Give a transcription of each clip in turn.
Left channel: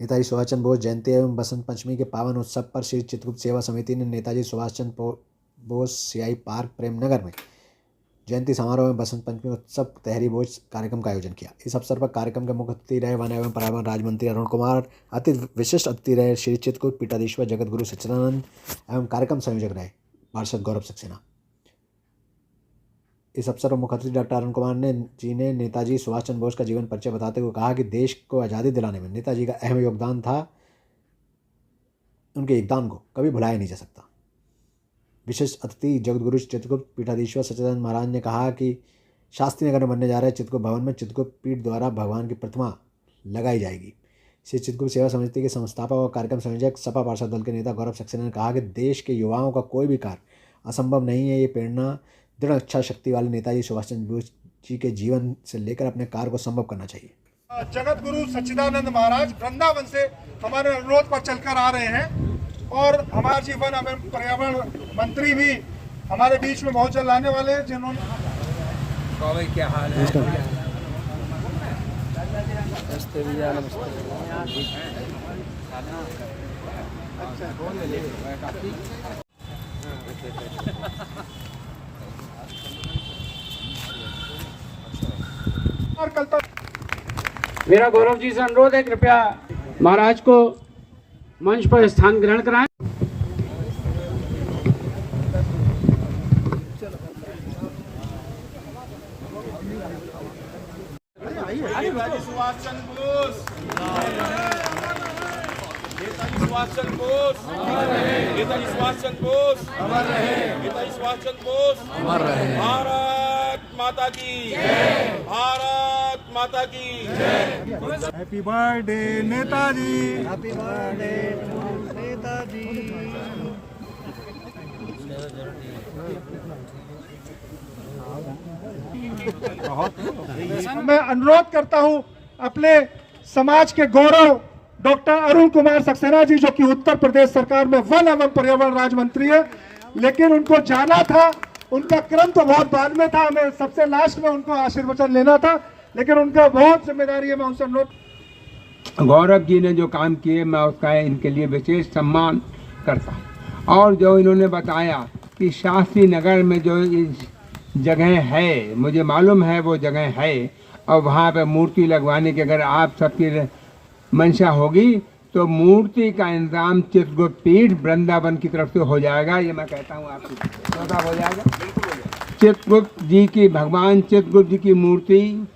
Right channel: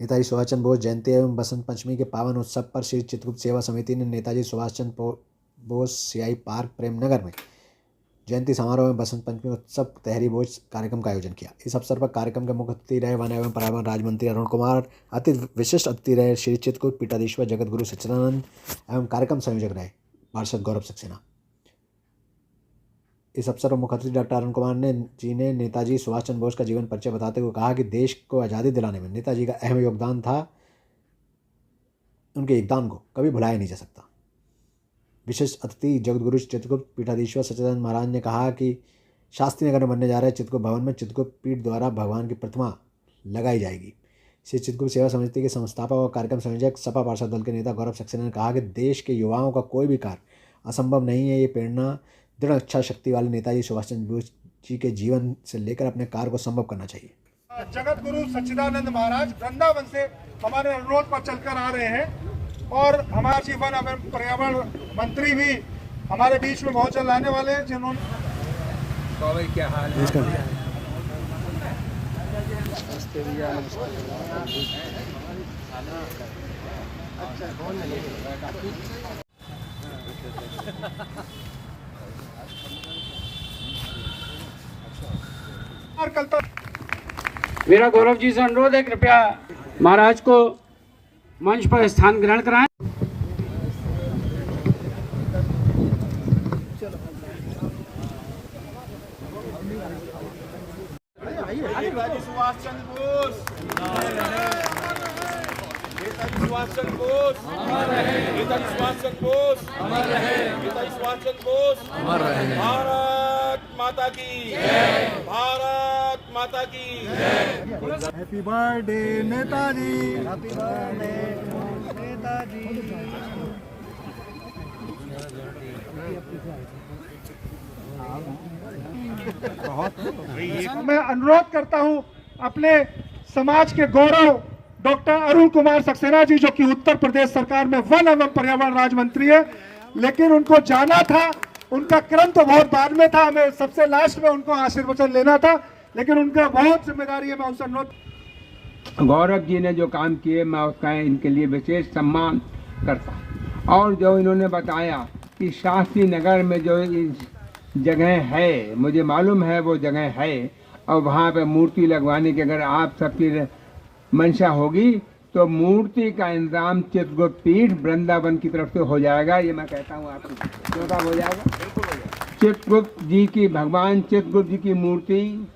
नेताजी सुभाष चंद्र बोस जयंती एवं बसंत पंचमी के पावन उत्सव पर श्री चित्रगुप्त सेवा समिति ने नेताजी सुभाष चंद्र बोस सीआई पार्क प्रेमनगर में जयंती समारोह में बसंत पंचमी उत्सव तहरी भोज कार्यक्रम का आयोजन किया। इस अवसर पर कार्यक्रम के मुख्य अतिथि रहे वन एवं पर्यावरण राज्य मंत्री अरुण कुमार, अति विशिष्ट अतिथि रहे श्री चित्रकूट पीठाधीश्वर जगत गुरु सच्चिदानंद एवं कार्यक्रम संयोजक रहे पार्षद गौरव सक्सेना। इस अवसर पर मुख्य अतिथि डॉक्टर अरुण कुमार ने नेताजी सुभाष चंद्र बोस का जीवन परिचय बताते हुए कहा कि देश को आज़ादी दिलाने में नेताजी का अहम योगदान था। उनके योगदान को कभी भुलाया नहीं जा सकता। विशेष अतिथि जगत गुरु चित्रकूट पीठाधीश्वर सच्चिदानंद महाराज ने कहा कि शास्त्री नगर में बनने जा रहे चित्रकूट भवन में चित्रकूट पीठ द्वारा भगवान की प्रतिमा लगाई जाएगी। श्री चित्रकूट सेवा समिति के संस्थापक और कार्यक्रम संयोजक सपा पार्षद दल के नेता गौरव सक्सेना ने कहा कि देश के युवाओं का कोई भी कार्य असंभव नहीं है। ये प्रेरणा दृढ़ इच्छा शक्ति वाले नेताजी सुभाष चंद्र बोस जी के जीवन से लेकर अपने कार्य को संभव करना चाहिए। जगत गुरु सच्चिदानंद महाराज वृंदावन से हमारे अनुरोध पर चलकर आ रहे हैं और हमारे जीवन एवं पर्यावरण मंत्री भी हमारे बीच में बहुत जल्द आने वाले हैं, जिन्होंने क्या हाल है? और कल तक मेरा गौरव जी से अनुरोध है, कृपया महाराज को मंच पर स्थान ग्रहण कराएं। नेताजी सुभाष चंद्र बोस, नेताजी सुभाष चंद्र बोस, नेताजी सुभाष चंद्र बोस, नेताजी सुभाष चंद्र बोस अमर रहे। भारत माता की जय, भारत माता की जय। Happy birthday Netaji, happy birthday Netaji. मैं अनुरोध करता हूं अपने समाज के गौरव डॉक्टर अरुण कुमार सक्सेना जी, जो कि उत्तर प्रदेश सरकार में वन एवं पर्यावरण राज्य मंत्री है, लेकिन उनको जाना था, उनका क्रम तो बहुत बाद में था, हमें सबसे लास्ट में उनको आशीर्वचन लेना था, लेकिन उनका बहुत जिम्मेदारी है। मैं उनसे अनुरोध, गौरव जी ने जो काम किए मैं उसका इनके लिए विशेष सम्मान करता हूँ। और जो इन्होंने बताया कि शास्त्री नगर में जो जगह है, मुझे मालूम है वो जगह है, और वहाँ पे मूर्ति लगवाने की अगर आप सबकी मंशा होगी तो मूर्ति का इंतजाम चित्रकूट पीठ वृंदावन की तरफ से हो जाएगा। ये मैं कहता हूँ आपको, चौथा हो जाएगा। चित्रकूट जी की, भगवान चित्रकूट जी की मूर्ति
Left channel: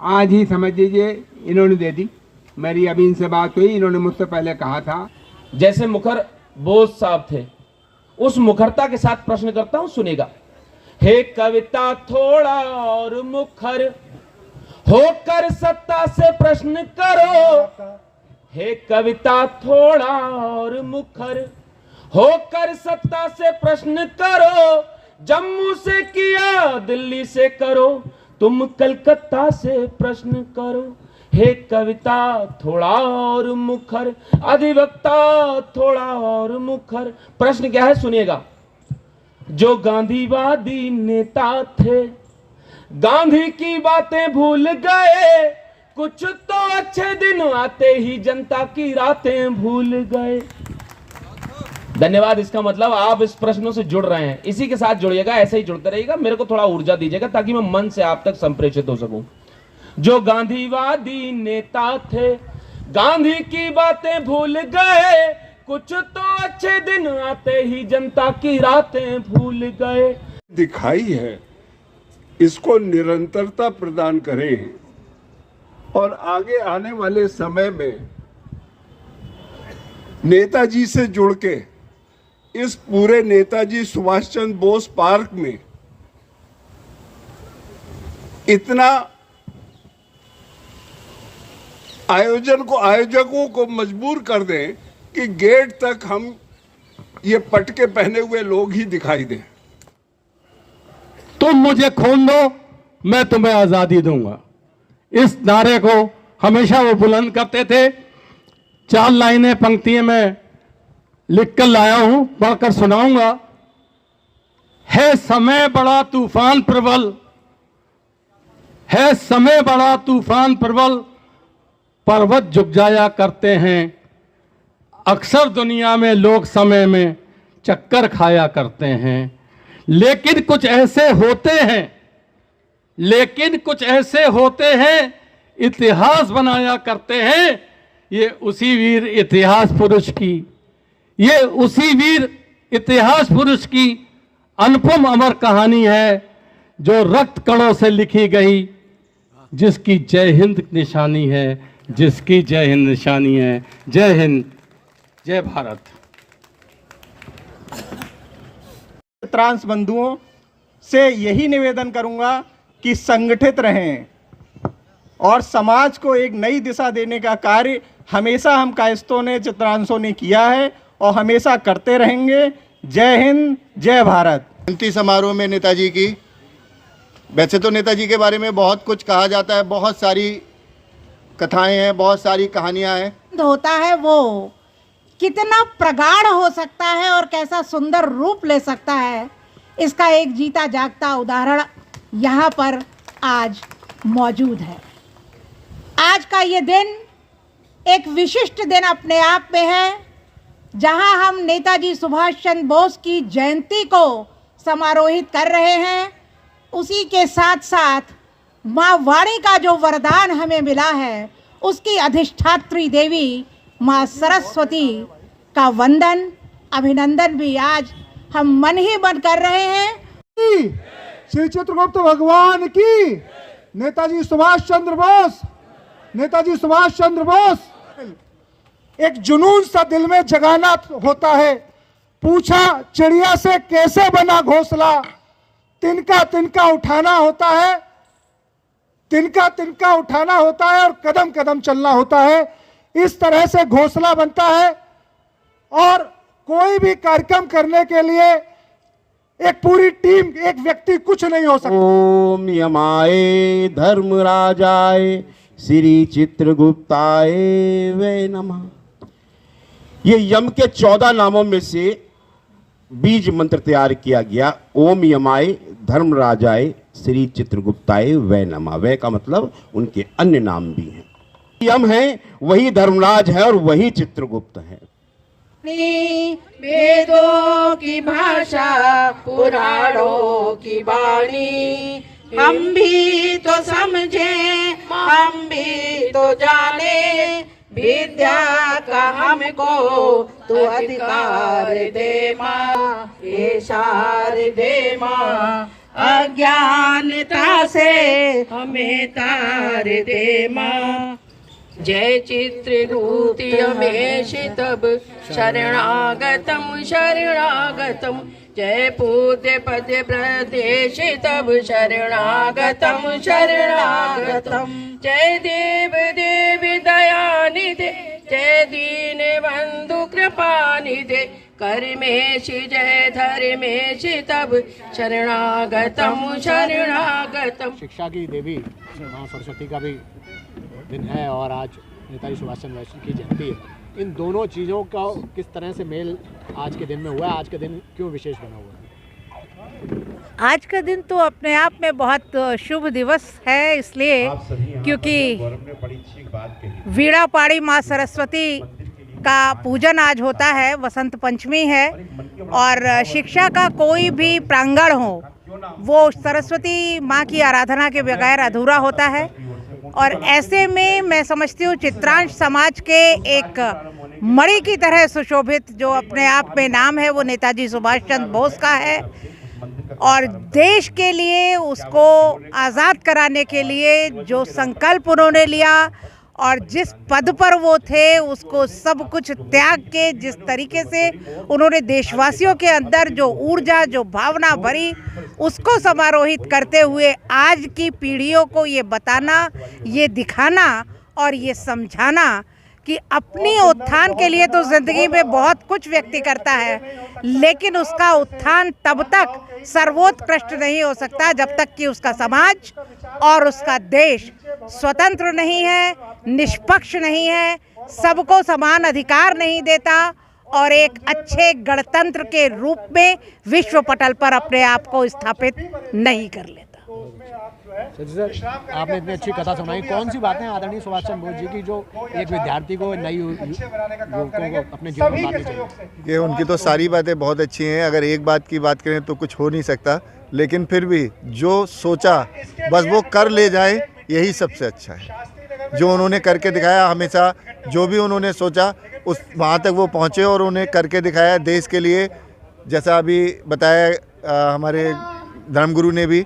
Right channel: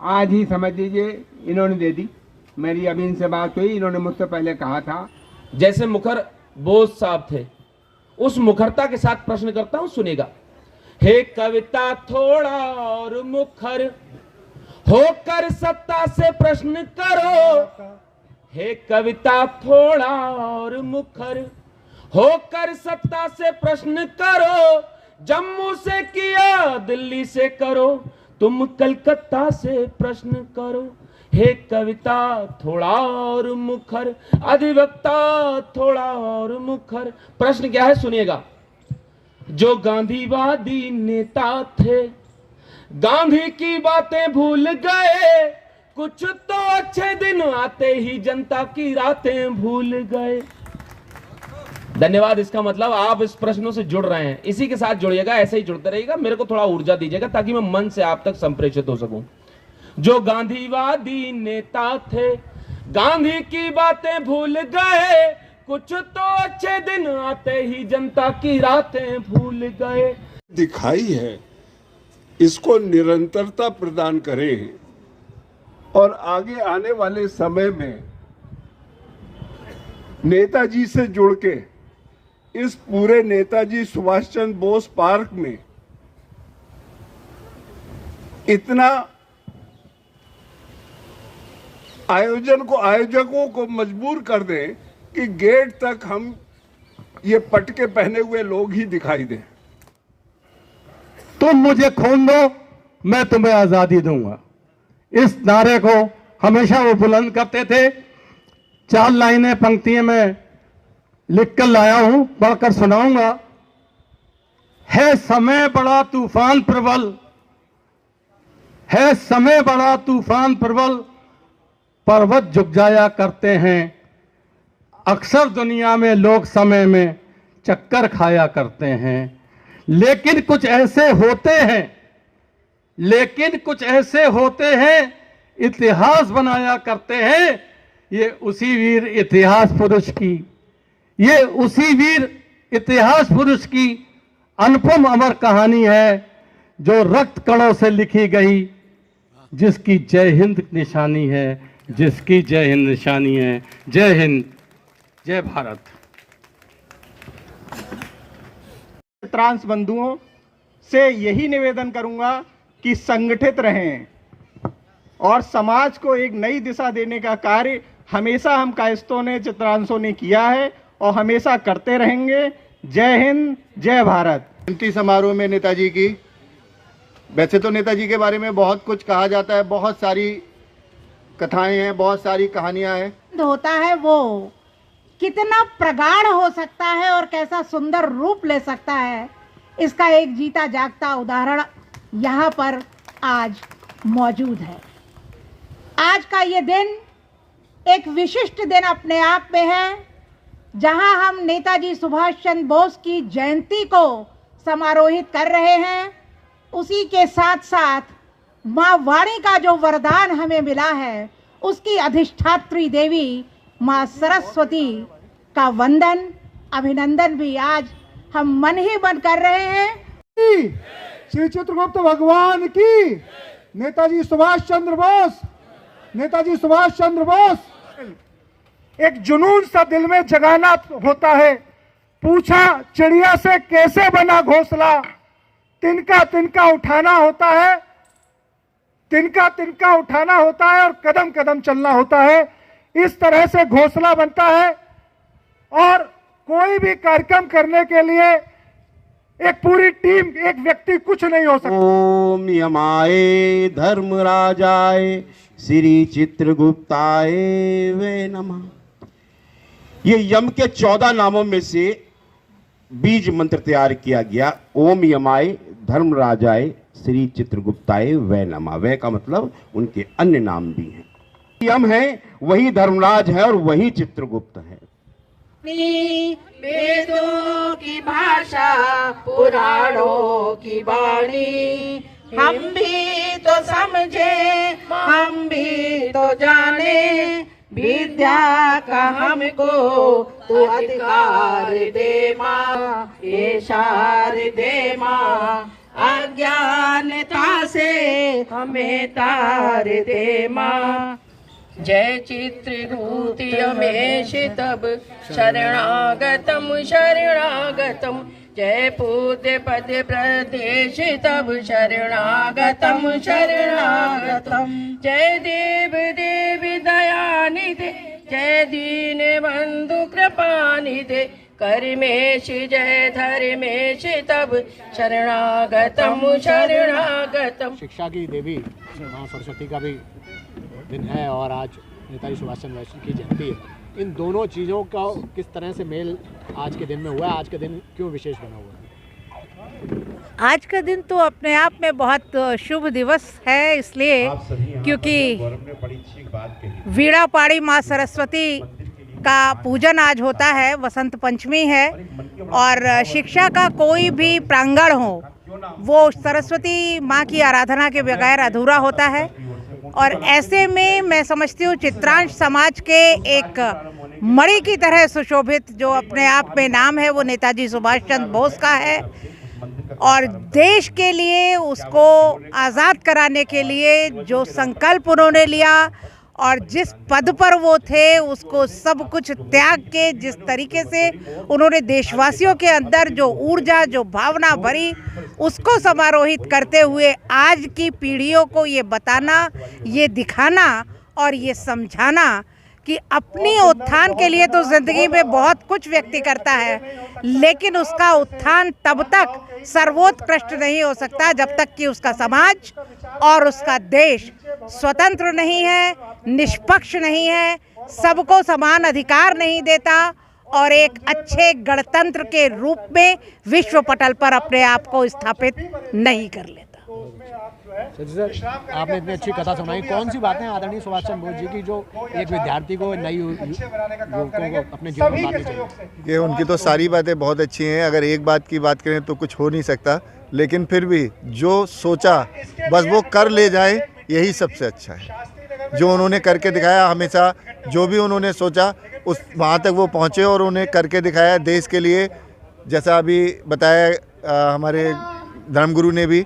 आज ही समझ लीजिए इन्होंने दे दी। मेरी अभी इनसे बात हुई, इन्होंने मुझसे पहले कहा था। जैसे मुखर बोस साहब थे, उस मुखरता के साथ प्रश्न करता हूं, सुनेगा। हे कविता थोड़ा और मुखर होकर सत्ता से प्रश्न करो। हे कविता थोड़ा और मुखर होकर सत्ता से प्रश्न करो। जम्मू से किया दिल्ली से करो, तुम कलकत्ता से प्रश्न करो। हे कविता थोड़ा और मुखर, अधिवक्ता थोड़ा और मुखर। प्रश्न क्या है सुनिएगा। जो गांधीवादी नेता थे गांधी की बातें भूल गए, कुछ तो अच्छे दिन आते ही जनता की रातें भूल गए। धन्यवाद। इसका मतलब आप इस प्रश्नों से जुड़ रहे हैं, इसी के साथ जुड़िएगा, ऐसे ही जुड़ते रहिएगा, मेरे को थोड़ा ऊर्जा दीजिएगा ताकि मैं मन से आप तक संप्रेषित हो सकूं। जो गांधीवादी नेता थे गांधी की बातें भूल गए, कुछ तो अच्छे दिन आते ही जनता की रातें भूल गए। दिखाई है, इसको निरंतरता प्रदान करें और आगे आने वाले समय में नेताजी से जुड़ के इस पूरे नेताजी सुभाष चंद्र बोस पार्क में इतना आयोजकों को मजबूर कर दें कि गेट तक हम ये पटके पहने हुए लोग ही दिखाई दें। तुम मुझे खून दो, मैं तुम्हें आजादी दूंगा। इस नारे को हमेशा वो बुलंद करते थे। 4 लाइनें पंक्तियों में लिखकर लाया हूं, पढ़कर सुनाऊंगा। है समय बड़ा तूफान प्रबल, है समय बड़ा तूफान प्रबल, पर्वत झुक जाया करते हैं। अक्सर दुनिया में लोग समय में चक्कर खाया करते हैं, लेकिन कुछ ऐसे होते हैं इतिहास बनाया करते हैं। ये उसी वीर इतिहास पुरुष की अनुपम अमर कहानी है, जो रक्त कणों से लिखी गई, जिसकी जय हिंद निशानी है, जय हिंद, जय भारत। ट्रांस बंधुओं से यही निवेदन करूंगा कि संगठित रहें और समाज को एक नई दिशा देने का कार्य हमेशा हम कायस्थों ने, चित्रांशों ने किया है और हमेशा करते रहेंगे। जय हिंद, जय भारत। जयंती समारोह में नेताजी की, वैसे तो नेताजी के बारे में बहुत कुछ कहा जाता है, बहुत सारी कथाएं हैं, बहुत सारी कहानियां हैं। होता है वो कितना प्रगाढ़ हो सकता है और कैसा सुंदर रूप ले सकता है, इसका एक जीता जागता उदाहरण यहाँ पर आज मौजूद है। आज का ये दिन एक विशिष्ट दिन अपने आप में है, जहां हम नेताजी सुभाष चंद्र बोस की जयंती को समारोहित कर रहे हैं। उसी के साथ साथ माँ वाणी का जो वरदान हमें मिला है, उसकी अधिष्ठात्री देवी माँ सरस्वती का वंदन, अभिनंदन भी आज हम मन ही मन कर रहे हैं। श्री चित्रगुप्त भगवान की, नेताजी सुभाष चंद्र बोस। एक जुनून सा दिल में जगाना होता है। पूछा चिड़िया से कैसे बना घोंसला, तिनका तिनका उठाना होता है और कदम कदम चलना होता है। इस तरह से घोंसला बनता है और कोई भी कार्यक्रम करने के लिए एक पूरी टीम, एक व्यक्ति कुछ नहीं हो सकता। ओम यमाय धर्मराजाय श्री चित्रगुप्ताय वे नमः। ये यम के 14 नामों में से बीज मंत्र तैयार किया गया। ओम यमाय धर्मराजाय श्री चित्रगुप्ताय वे नमः। वे का मतलब उनके अन्य नाम भी हैं। यम है वही धर्मराज है और वही चित्रगुप्त है। वेदों की भाषा, पुराणों की वाणी, हम भी तो समझे, हम भी तो जाने, विद्या का हमको तो अधिकार दे माँ, इशार दे माँ, अज्ञानता से हमें तार दे माँ। जय चित्रदूतियमेश तब शरणागतम शरणागतम, जय पूज्य पद प्रदेश तब शरणागतम शरणागतम, जय देव देव दयानिधे, जय दीन बंधु कृपानिधे, कर्मेश जय धर्मेश तब शरणागतम शरणागतम। शिक्षा की देवी माँ सरस्वती का भी दिन है और आज नेताजी सुभाष चंद्र बोस की जयंती है। इन दोनों चीज़ों का किस तरह से मेल आज के दिन में हुआ है? आज का दिन क्यों विशेष बना हुआ है? आज का दिन तो अपने आप में बहुत शुभ दिवस है, इसलिए क्योंकि वीणा पाड़ी माँ सरस्वती का पूजन आज होता है, वसंत पंचमी है और शिक्षा का कोई भी प्रांगण हो वो सरस्वती माँ की आराधना के बगैर अधूरा होता है। और ऐसे में मैं समझती हूँ चित्रांश समाज के एक मणि की तरह सुशोभित जो अपने आप में नाम है वो नेताजी सुभाष चंद्र बोस का है और देश के लिए उसको आज़ाद कराने के लिए जो संकल्प उन्होंने लिया और जिस पद पर वो थे उसको सब कुछ त्याग के जिस तरीके से उन्होंने देशवासियों के अंदर जो ऊर्जा, जो भावना भरी, उसको समारोहित करते हुए आज की पीढ़ियों को ये बताना, ये दिखाना और ये समझाना कि अपनी उत्थान के लिए तो ज़िंदगी में बहुत कुछ व्यक्ति करता है, लेकिन उसका उत्थान तब तक सर्वोत्कृष्ट नहीं हो सकता जब तक कि उसका समाज और उसका देश स्वतंत्र नहीं है, निष्पक्ष नहीं है, सबको समान अधिकार नहीं देता और एक अच्छे गणतंत्र के रूप में विश्व पटल पर अपने आप को स्थापित नहीं कर लेता। सर, आपने इतनी अच्छी कथा सुनाई, कौन सी बातें आदरणीय सुभाष चंद्र बोस जी की जो एक विद्यार्थी को नई युवकों को अपने जीवन में लानी चाहिए? ये उनकी तो सारी बातें बहुत अच्छी हैं, अगर एक बात की बात करें तो कुछ हो नहीं सकता, लेकिन फिर भी जो सोचा बस वो कर ले जाए, यही सबसे अच्छा है। जो उन्होंने करके दिखाया, हमेशा जो भी उन्होंने सोचा उस वहाँ तक वो पहुँचे और उन्हें करके दिखाया देश के लिए। जैसा अभी बताया हमारे धर्मगुरु ने भी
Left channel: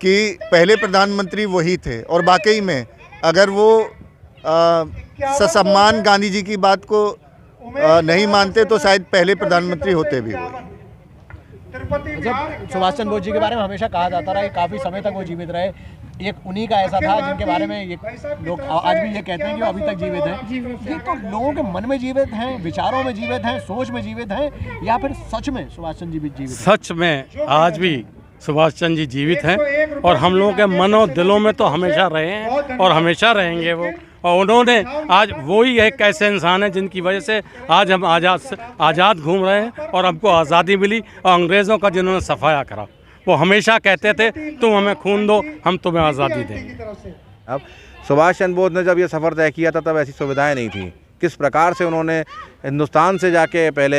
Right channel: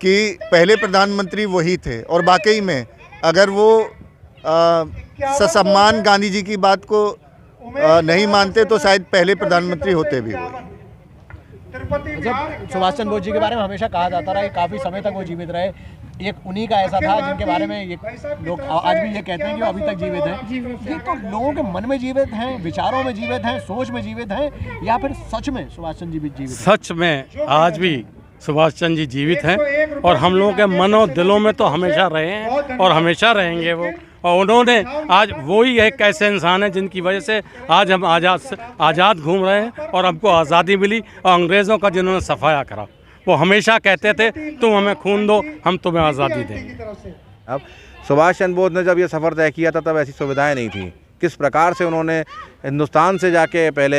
कि पहले प्रधानमंत्री वही थे, और वाकई में अगर वो ससम्मान गांधी जी की बात को नहीं मानते तो शायद पहले प्रधानमंत्री होते भी वो। सुभाष चंद्र बोस जी के बारे में हमेशा कहा जाता रहा कि काफ़ी समय तक वो जीवित रहे, एक उन्हीं का ऐसा था जिनके बारे में ये लोग आज भी ये कहते हैं कि वो अभी तक जीवित हैं। ये तो लोगों के मन में जीवित हैं, विचारों में जीवित हैं, सोच में जीवित हैं, या फिर सच में सुभाष चंद्र जी भी जीवित हैं? सच में आज भी सुभाष चंद्र जी जीवित हैं और हम लोगों के मन और दिलों में तो हमेशा रहे हैं और हमेशा रहेंगे वो। और उन्होंने आज वही एक ऐसे इंसान है जिनकी वजह से आज हम आज़ाद घूम रहे हैं और हमको आज़ादी मिली, और अंग्रेज़ों का जिन्होंने सफाया करा। वो हमेशा कहते थे तुम हमें खून दो, हम तुम्हें आज़ादी देंगे। अब सुभाष चंद्र बोस ने जब ये सफ़र तय किया था तब ऐसी सुविधाएं नहीं थी। किस प्रकार से उन्होंने हिंदुस्तान से जाके पहले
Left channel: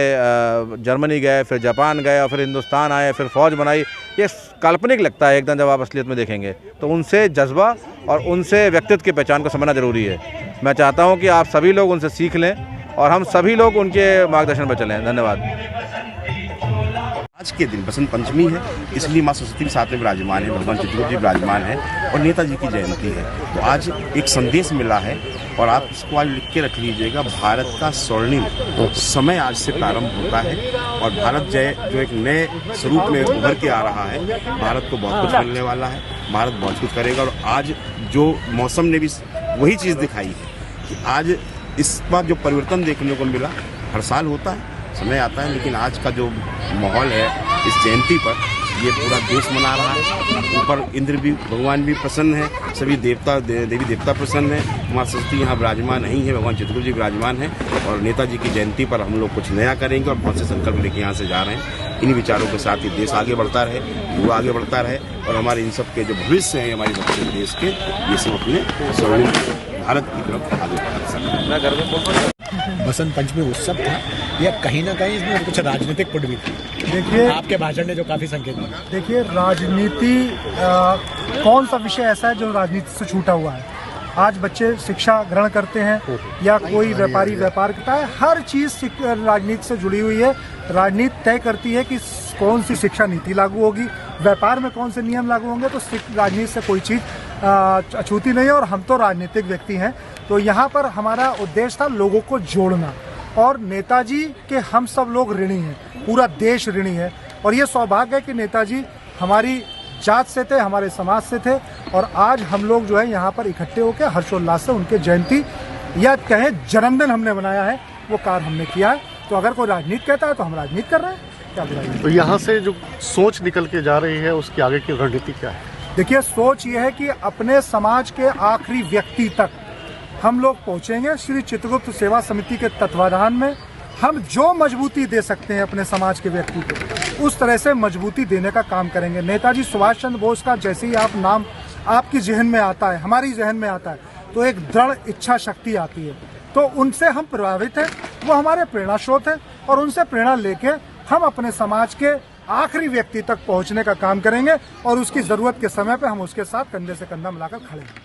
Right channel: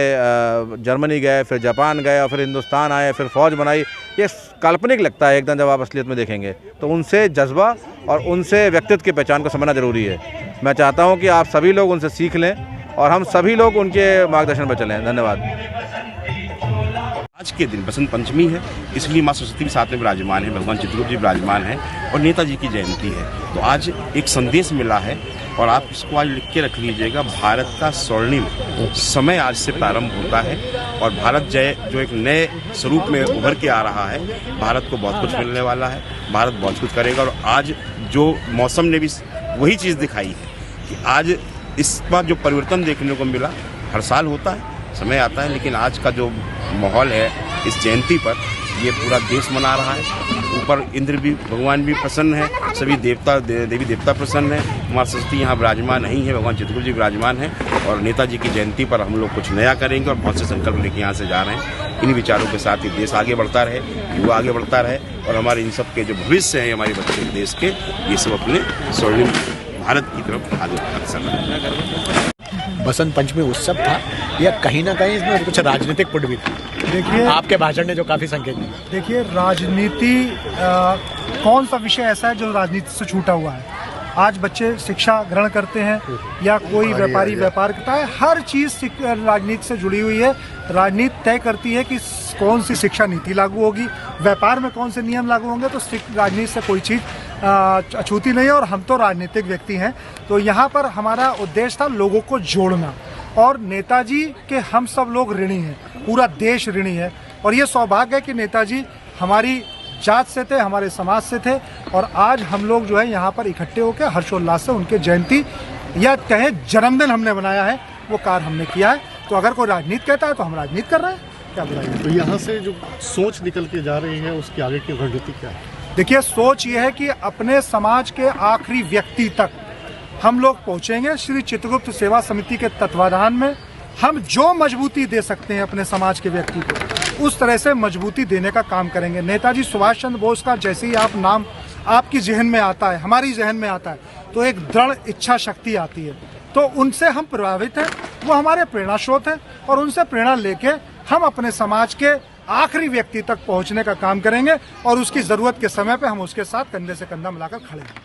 जर्मनी गए, फिर जापान गए और फिर हिंदुस्तान आए, फिर फ़ौज बनाई। ये काल्पनिक लगता है एकदम जब आप असलियत में देखेंगे तो। उनसे जज्बा और उनसे व्यक्तित्व की पहचान को समझना ज़रूरी है। मैं चाहता हूँ कि आप सभी लोग उनसे सीख लें और हम सभी लोग उनके मार्गदर्शन पर चलें। धन्यवाद। आज के दिन बसंत पंचमी है, इसलिए माँ सरस्वती भी साथ में विराजमान है, भगवान चित्रगुप्त जी विराजमान है और नेताजी की जयंती है। तो आज एक संदेश मिला है और आप इसको आज लिख के रख लीजिएगा। भारत का स्वर्णिम समय आज से प्रारंभ होता है और भारत जय जो एक नए स्वरूप में उभर के आ रहा है। भारत को बहुत कुछ मिलने वाला है, भारत बहुत कुछ करेगा। और आज जो मौसम ने भी वही चीज़ दिखाई है कि आज इस बार जो परिवर्तन देखने को मिला, हर साल होता है, समय आता है, लेकिन आज का जो माहौल है इस जयंती पर, ये पूरा देश मना रहा है। ऊपर इंद्र भी, भगवान भी प्रसन्न है, सभी देवता देवी देवता प्रसन्न है। माँ सरस्वती यहाँ विराजमान नहीं है, भगवान चित्रगुप्त जी विराजमान है। और नेताजी की जयंती पर हम लोग कुछ नया करेंगे और बहुत से संकल्प लेके यहाँ से जा रहे हैं। इन विचारों के साथ ही देश आगे बढ़ता रहे, युवा आगे बढ़ता रहे और हमारे इन सब के जो भविष्य हैं हमारे बच्चे देश के, ये सब अपने स्वर्णिम भारत की तरफ आगे अग्रसर। बसंत पंचमी उत्सव था या कहीं ना कहीं इसमें कुछ राजनीतिक पुट भी था? देखिए, आपके भाषण ने जो काफी संकेत दिया। देखिए, राजनीति कौन सा विषय ऐसा है जो राजनीति से छूटा हुआ है? आज बच्चे शिक्षा ग्रहण करते हैं या कोई व्यापारी व्यापार करता है, हर चीज राजनीति से जुड़ी हुई है। राजनीति तय करती है कि कौन सी शिक्षा नीति लागू होगी, व्यापार में कौन से नियम लागू होंगे। तो राजनीति से कोई चीज अछूती नहीं है और हम तो राजनीतिक व्यक्ति हैं। तो यहाँ पर हमारा उद्देश्य था लोगों को जोड़ना, और नेताजी के हम सब लोग ऋणी हैं, पूरा देश ऋणी है। और ये सौभाग्य है कि नेताजी हमारी जात से थे, हमारे समाज से थे, और आज हम लोग जो है यहाँ पर इकट्ठे होकर हर्षोल्लास से उनके जयंती या कहे जन्मदिन हमने बनाया है, वो कार्य हमने किया है। तो अगर कोई राजनीति कहता है तो हम राजनीति कर रहे हैं, क्या बुराई? तो यहाँ से जो सोच निकल के जा रही है उसकी आगे की रणनीति क्या है? देखिए, सोच ये है कि अपने समाज के आखिरी व्यक्ति तक हम लोग पहुँचेंगे। श्री चित्रगुप्त सेवा समिति के तत्वाधान में हम जो मजबूती दे सकते हैं अपने समाज के व्यक्ति को, उस तरह से मजबूती देने का काम करेंगे। नेताजी सुभाष चंद्र बोस का जैसे ही आप नाम आपकी जहन में आता है, हमारी जहन में आता है, तो एक दृढ़ इच्छा शक्ति आती है। तो उनसे हम प्रभावित हैं, वो हमारे प्रेरणा स्रोत हैं, और उनसे प्रेरणा लेके हम अपने समाज के आखिरी व्यक्ति तक पहुंचने का काम करेंगे और उसकी जरूरत के समय पे हम उसके साथ कंधे से कंधा मिलाकर खड़े हैं।